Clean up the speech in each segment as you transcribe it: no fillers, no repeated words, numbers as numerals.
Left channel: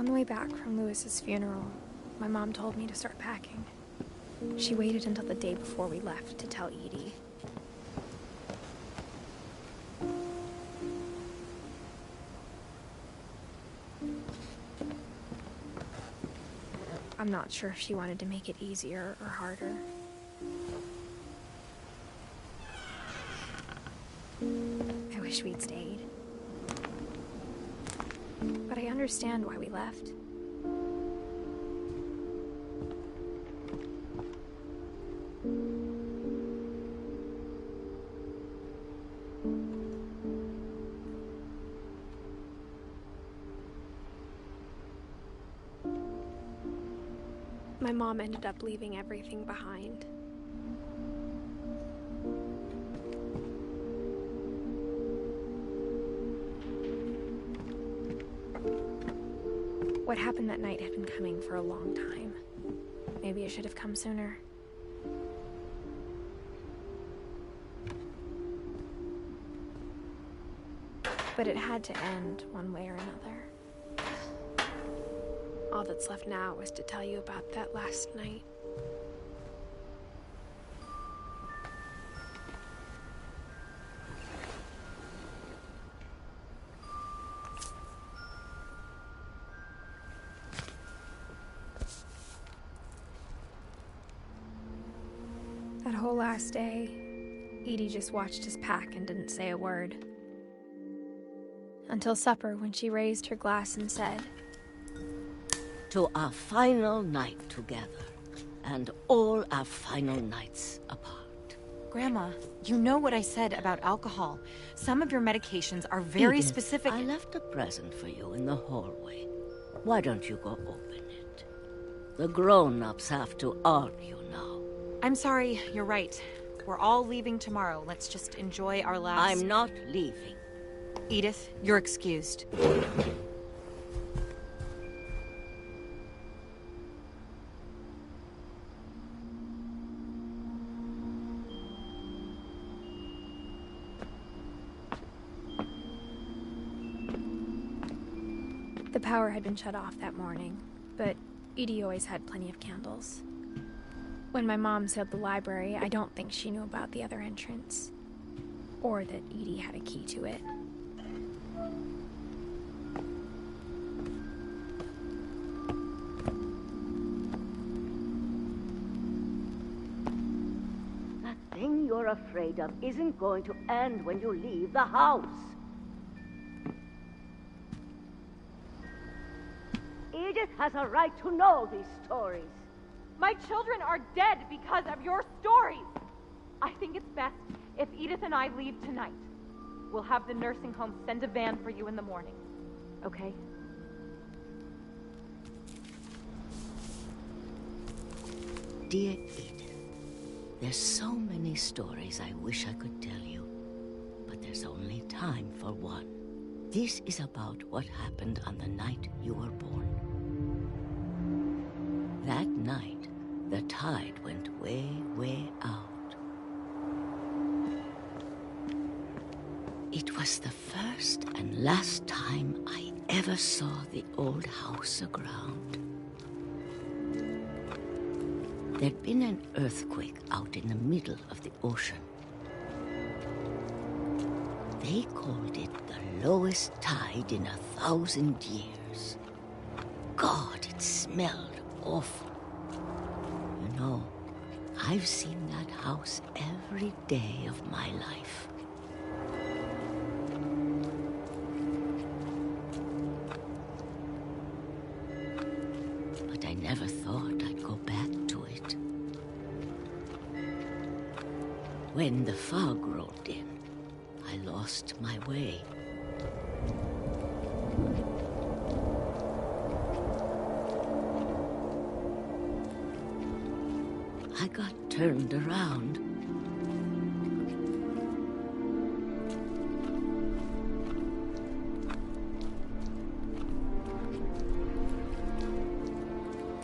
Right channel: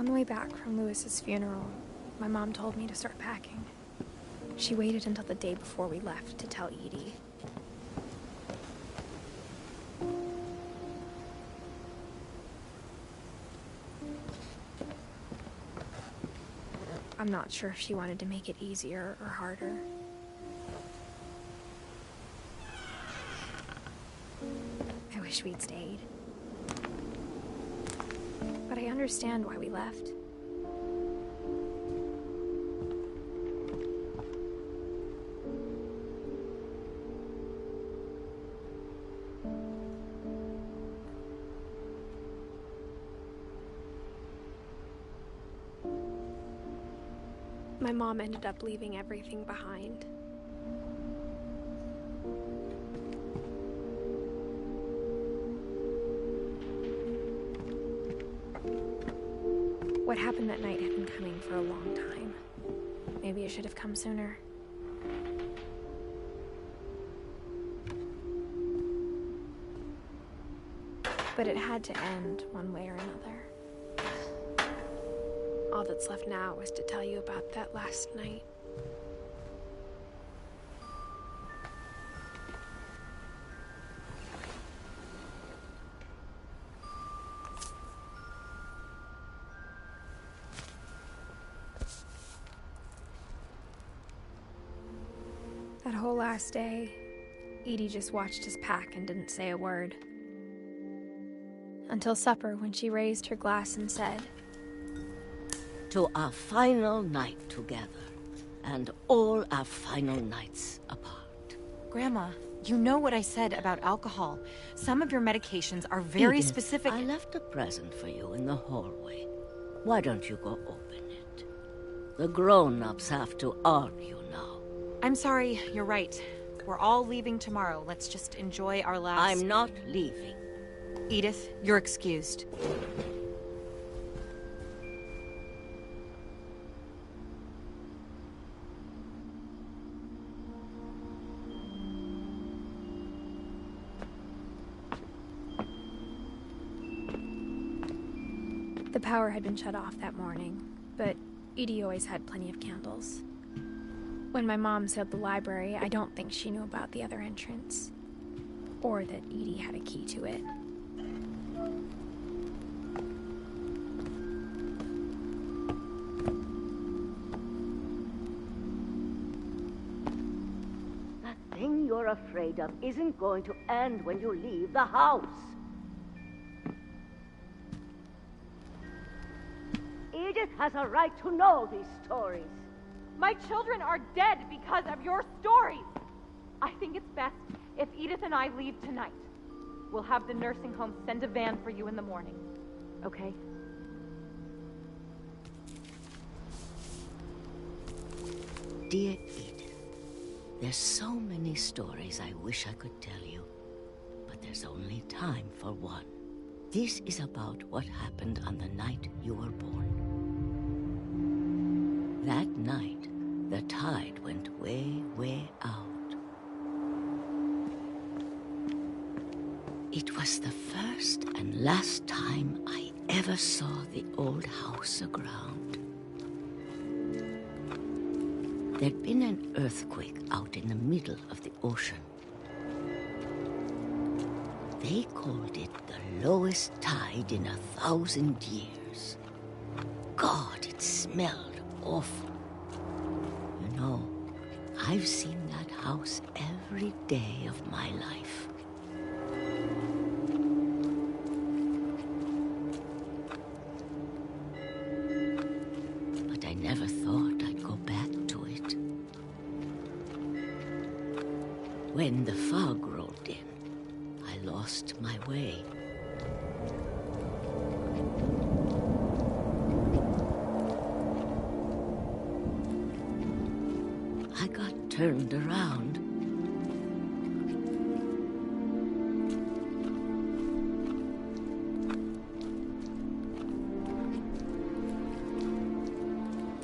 On the way back from Lewis's funeral, my mom told me to start packing. She waited until the day before we left to tell Edie. I'm not sure if she wanted to make it easier or harder. I wish we'd stayed. But I understand why we left. My mom ended up leaving everything behind. What happened that night had been coming for a long time. Maybe it should have come sooner. But it had to end one way or another. All that's left now is to tell you about that last night. That whole last day, Edie just watched us pack and didn't say a word. Until supper, when she raised her glass and said, "To our final night together, and all our final nights apart." Grandma, you know what I said about alcohol. Some of your medications are very Edith, specific. I left a present for you in the hallway. Why don't you go open it? The grown-ups have to argue now. I'm sorry, you're right. We're all leaving tomorrow. Let's just enjoy our last... I'm not leaving. Edith, you're excused. The power had been shut off that morning, but Edie always had plenty of candles. When my mom sealed the library, I don't think she knew about the other entrance, or that Edie had a key to it. That thing you're afraid of isn't going to end when you leave the house. Edith has a right to know these stories. My children are dead because of your stories. I think it's best if Edith and I leave tonight. We'll have the nursing home send a van for you in the morning. Okay? Dear Edith, there's so many stories I wish I could tell you, but there's only time for one. This is about what happened on the night you were born. That night, the tide went way, way out. It was the first and last time I ever saw the old house aground. There'd been an earthquake out in the middle of the ocean. They called it the lowest tide in 1,000 years. God, it smelled awful. You know, I've seen that house every day of my life. But I never thought I'd go back to it. When the fog rolled in, I lost my way. I got turned around.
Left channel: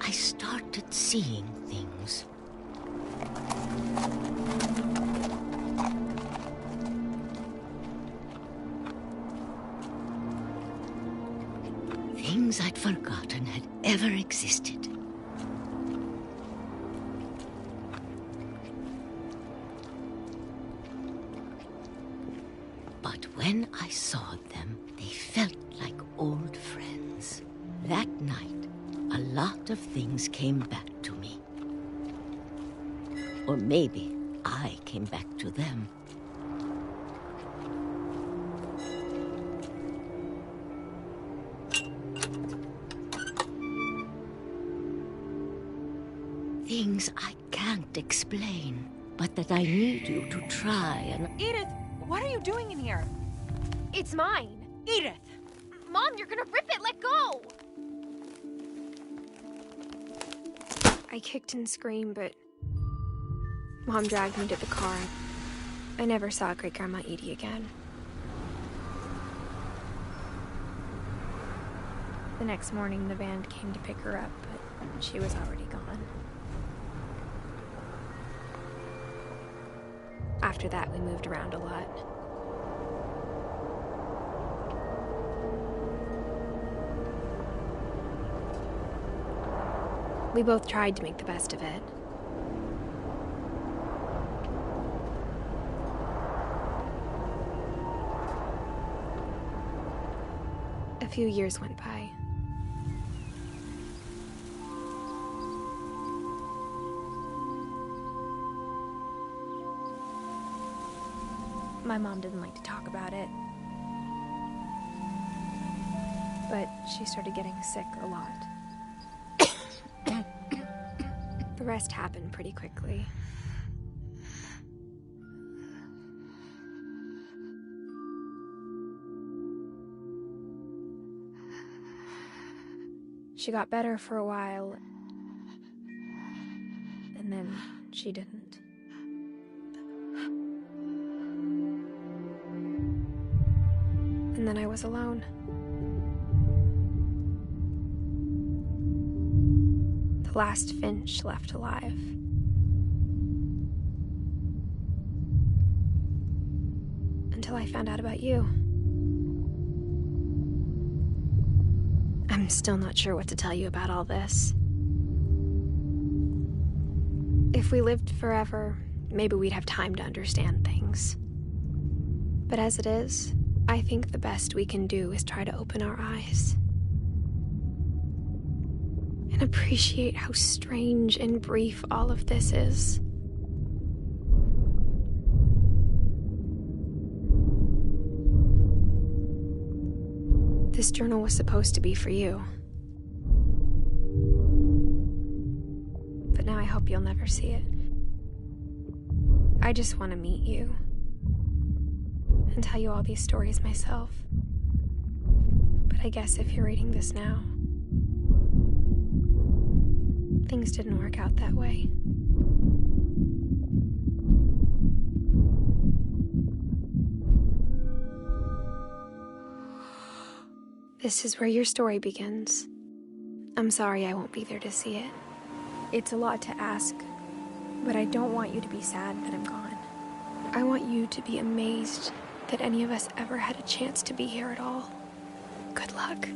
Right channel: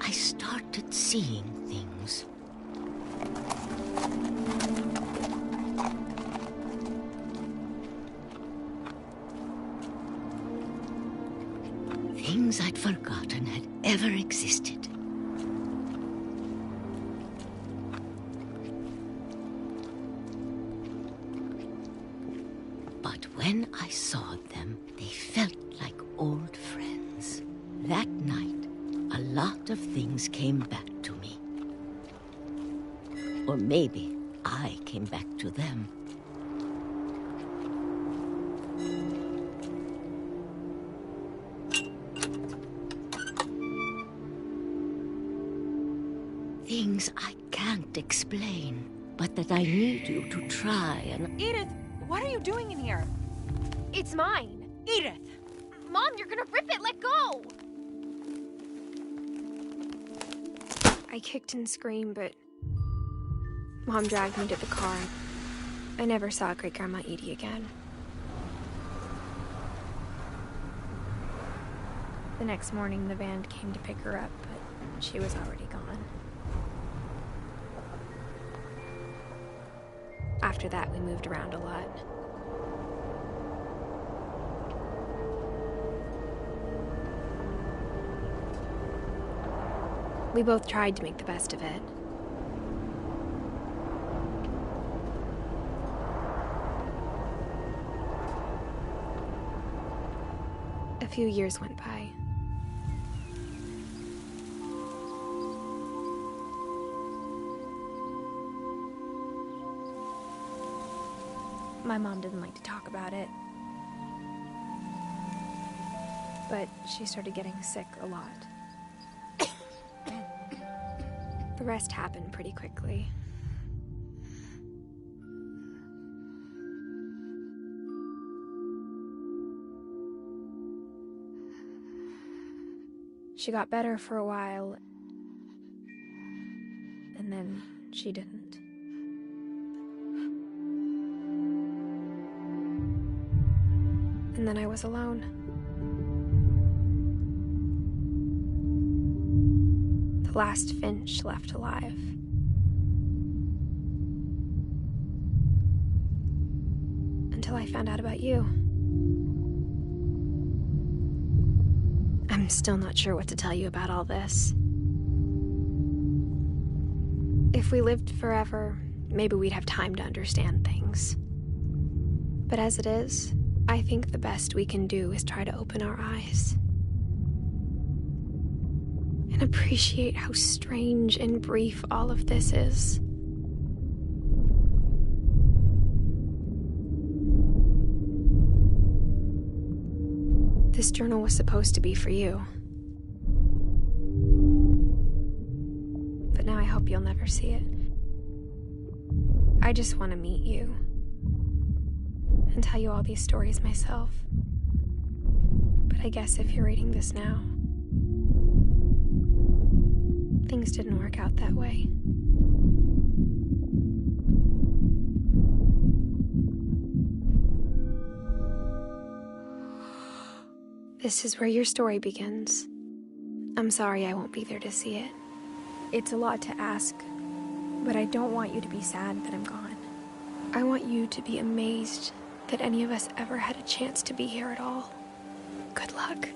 I started seeing things. Things things I'd forgotten had ever existed. But when I saw them, they felt like old friends. That night, a lot of things came back to me. Or maybe I came back to them. Things I can't explain, but that I need you to try and... Edith, what are you doing in here? It's mine. Edith! Mom, you're gonna rip it! Let go! I kicked and screamed, but Mom dragged me to the car. I never saw Great-Grandma Edie again. The next morning, the van came to pick her up, but she was already gone. After that, we moved around a lot. We both tried to make the best of it. A few years went by. My mom didn't like to talk about it. But she started getting sick a lot. The rest happened pretty quickly. She got better for a while, and then she didn't. And then I was alone. The last Finch left alive. Until I found out about you. I'm still not sure what to tell you about all this. If we lived forever, maybe we'd have time to understand things. But as it is, I think the best we can do is try to open our eyes. And appreciate how strange and brief all of this is. This journal was supposed to be for you. But now I hope you'll never see it. I just want to meet you. And tell you all these stories myself. But I guess if you're reading this now, things didn't work out that way. This is where your story begins. I'm sorry I won't be there to see it. It's a lot to ask, but I don't want you to be sad that I'm gone. I want you to be amazed that any of us ever had a chance to be here at all. Good luck.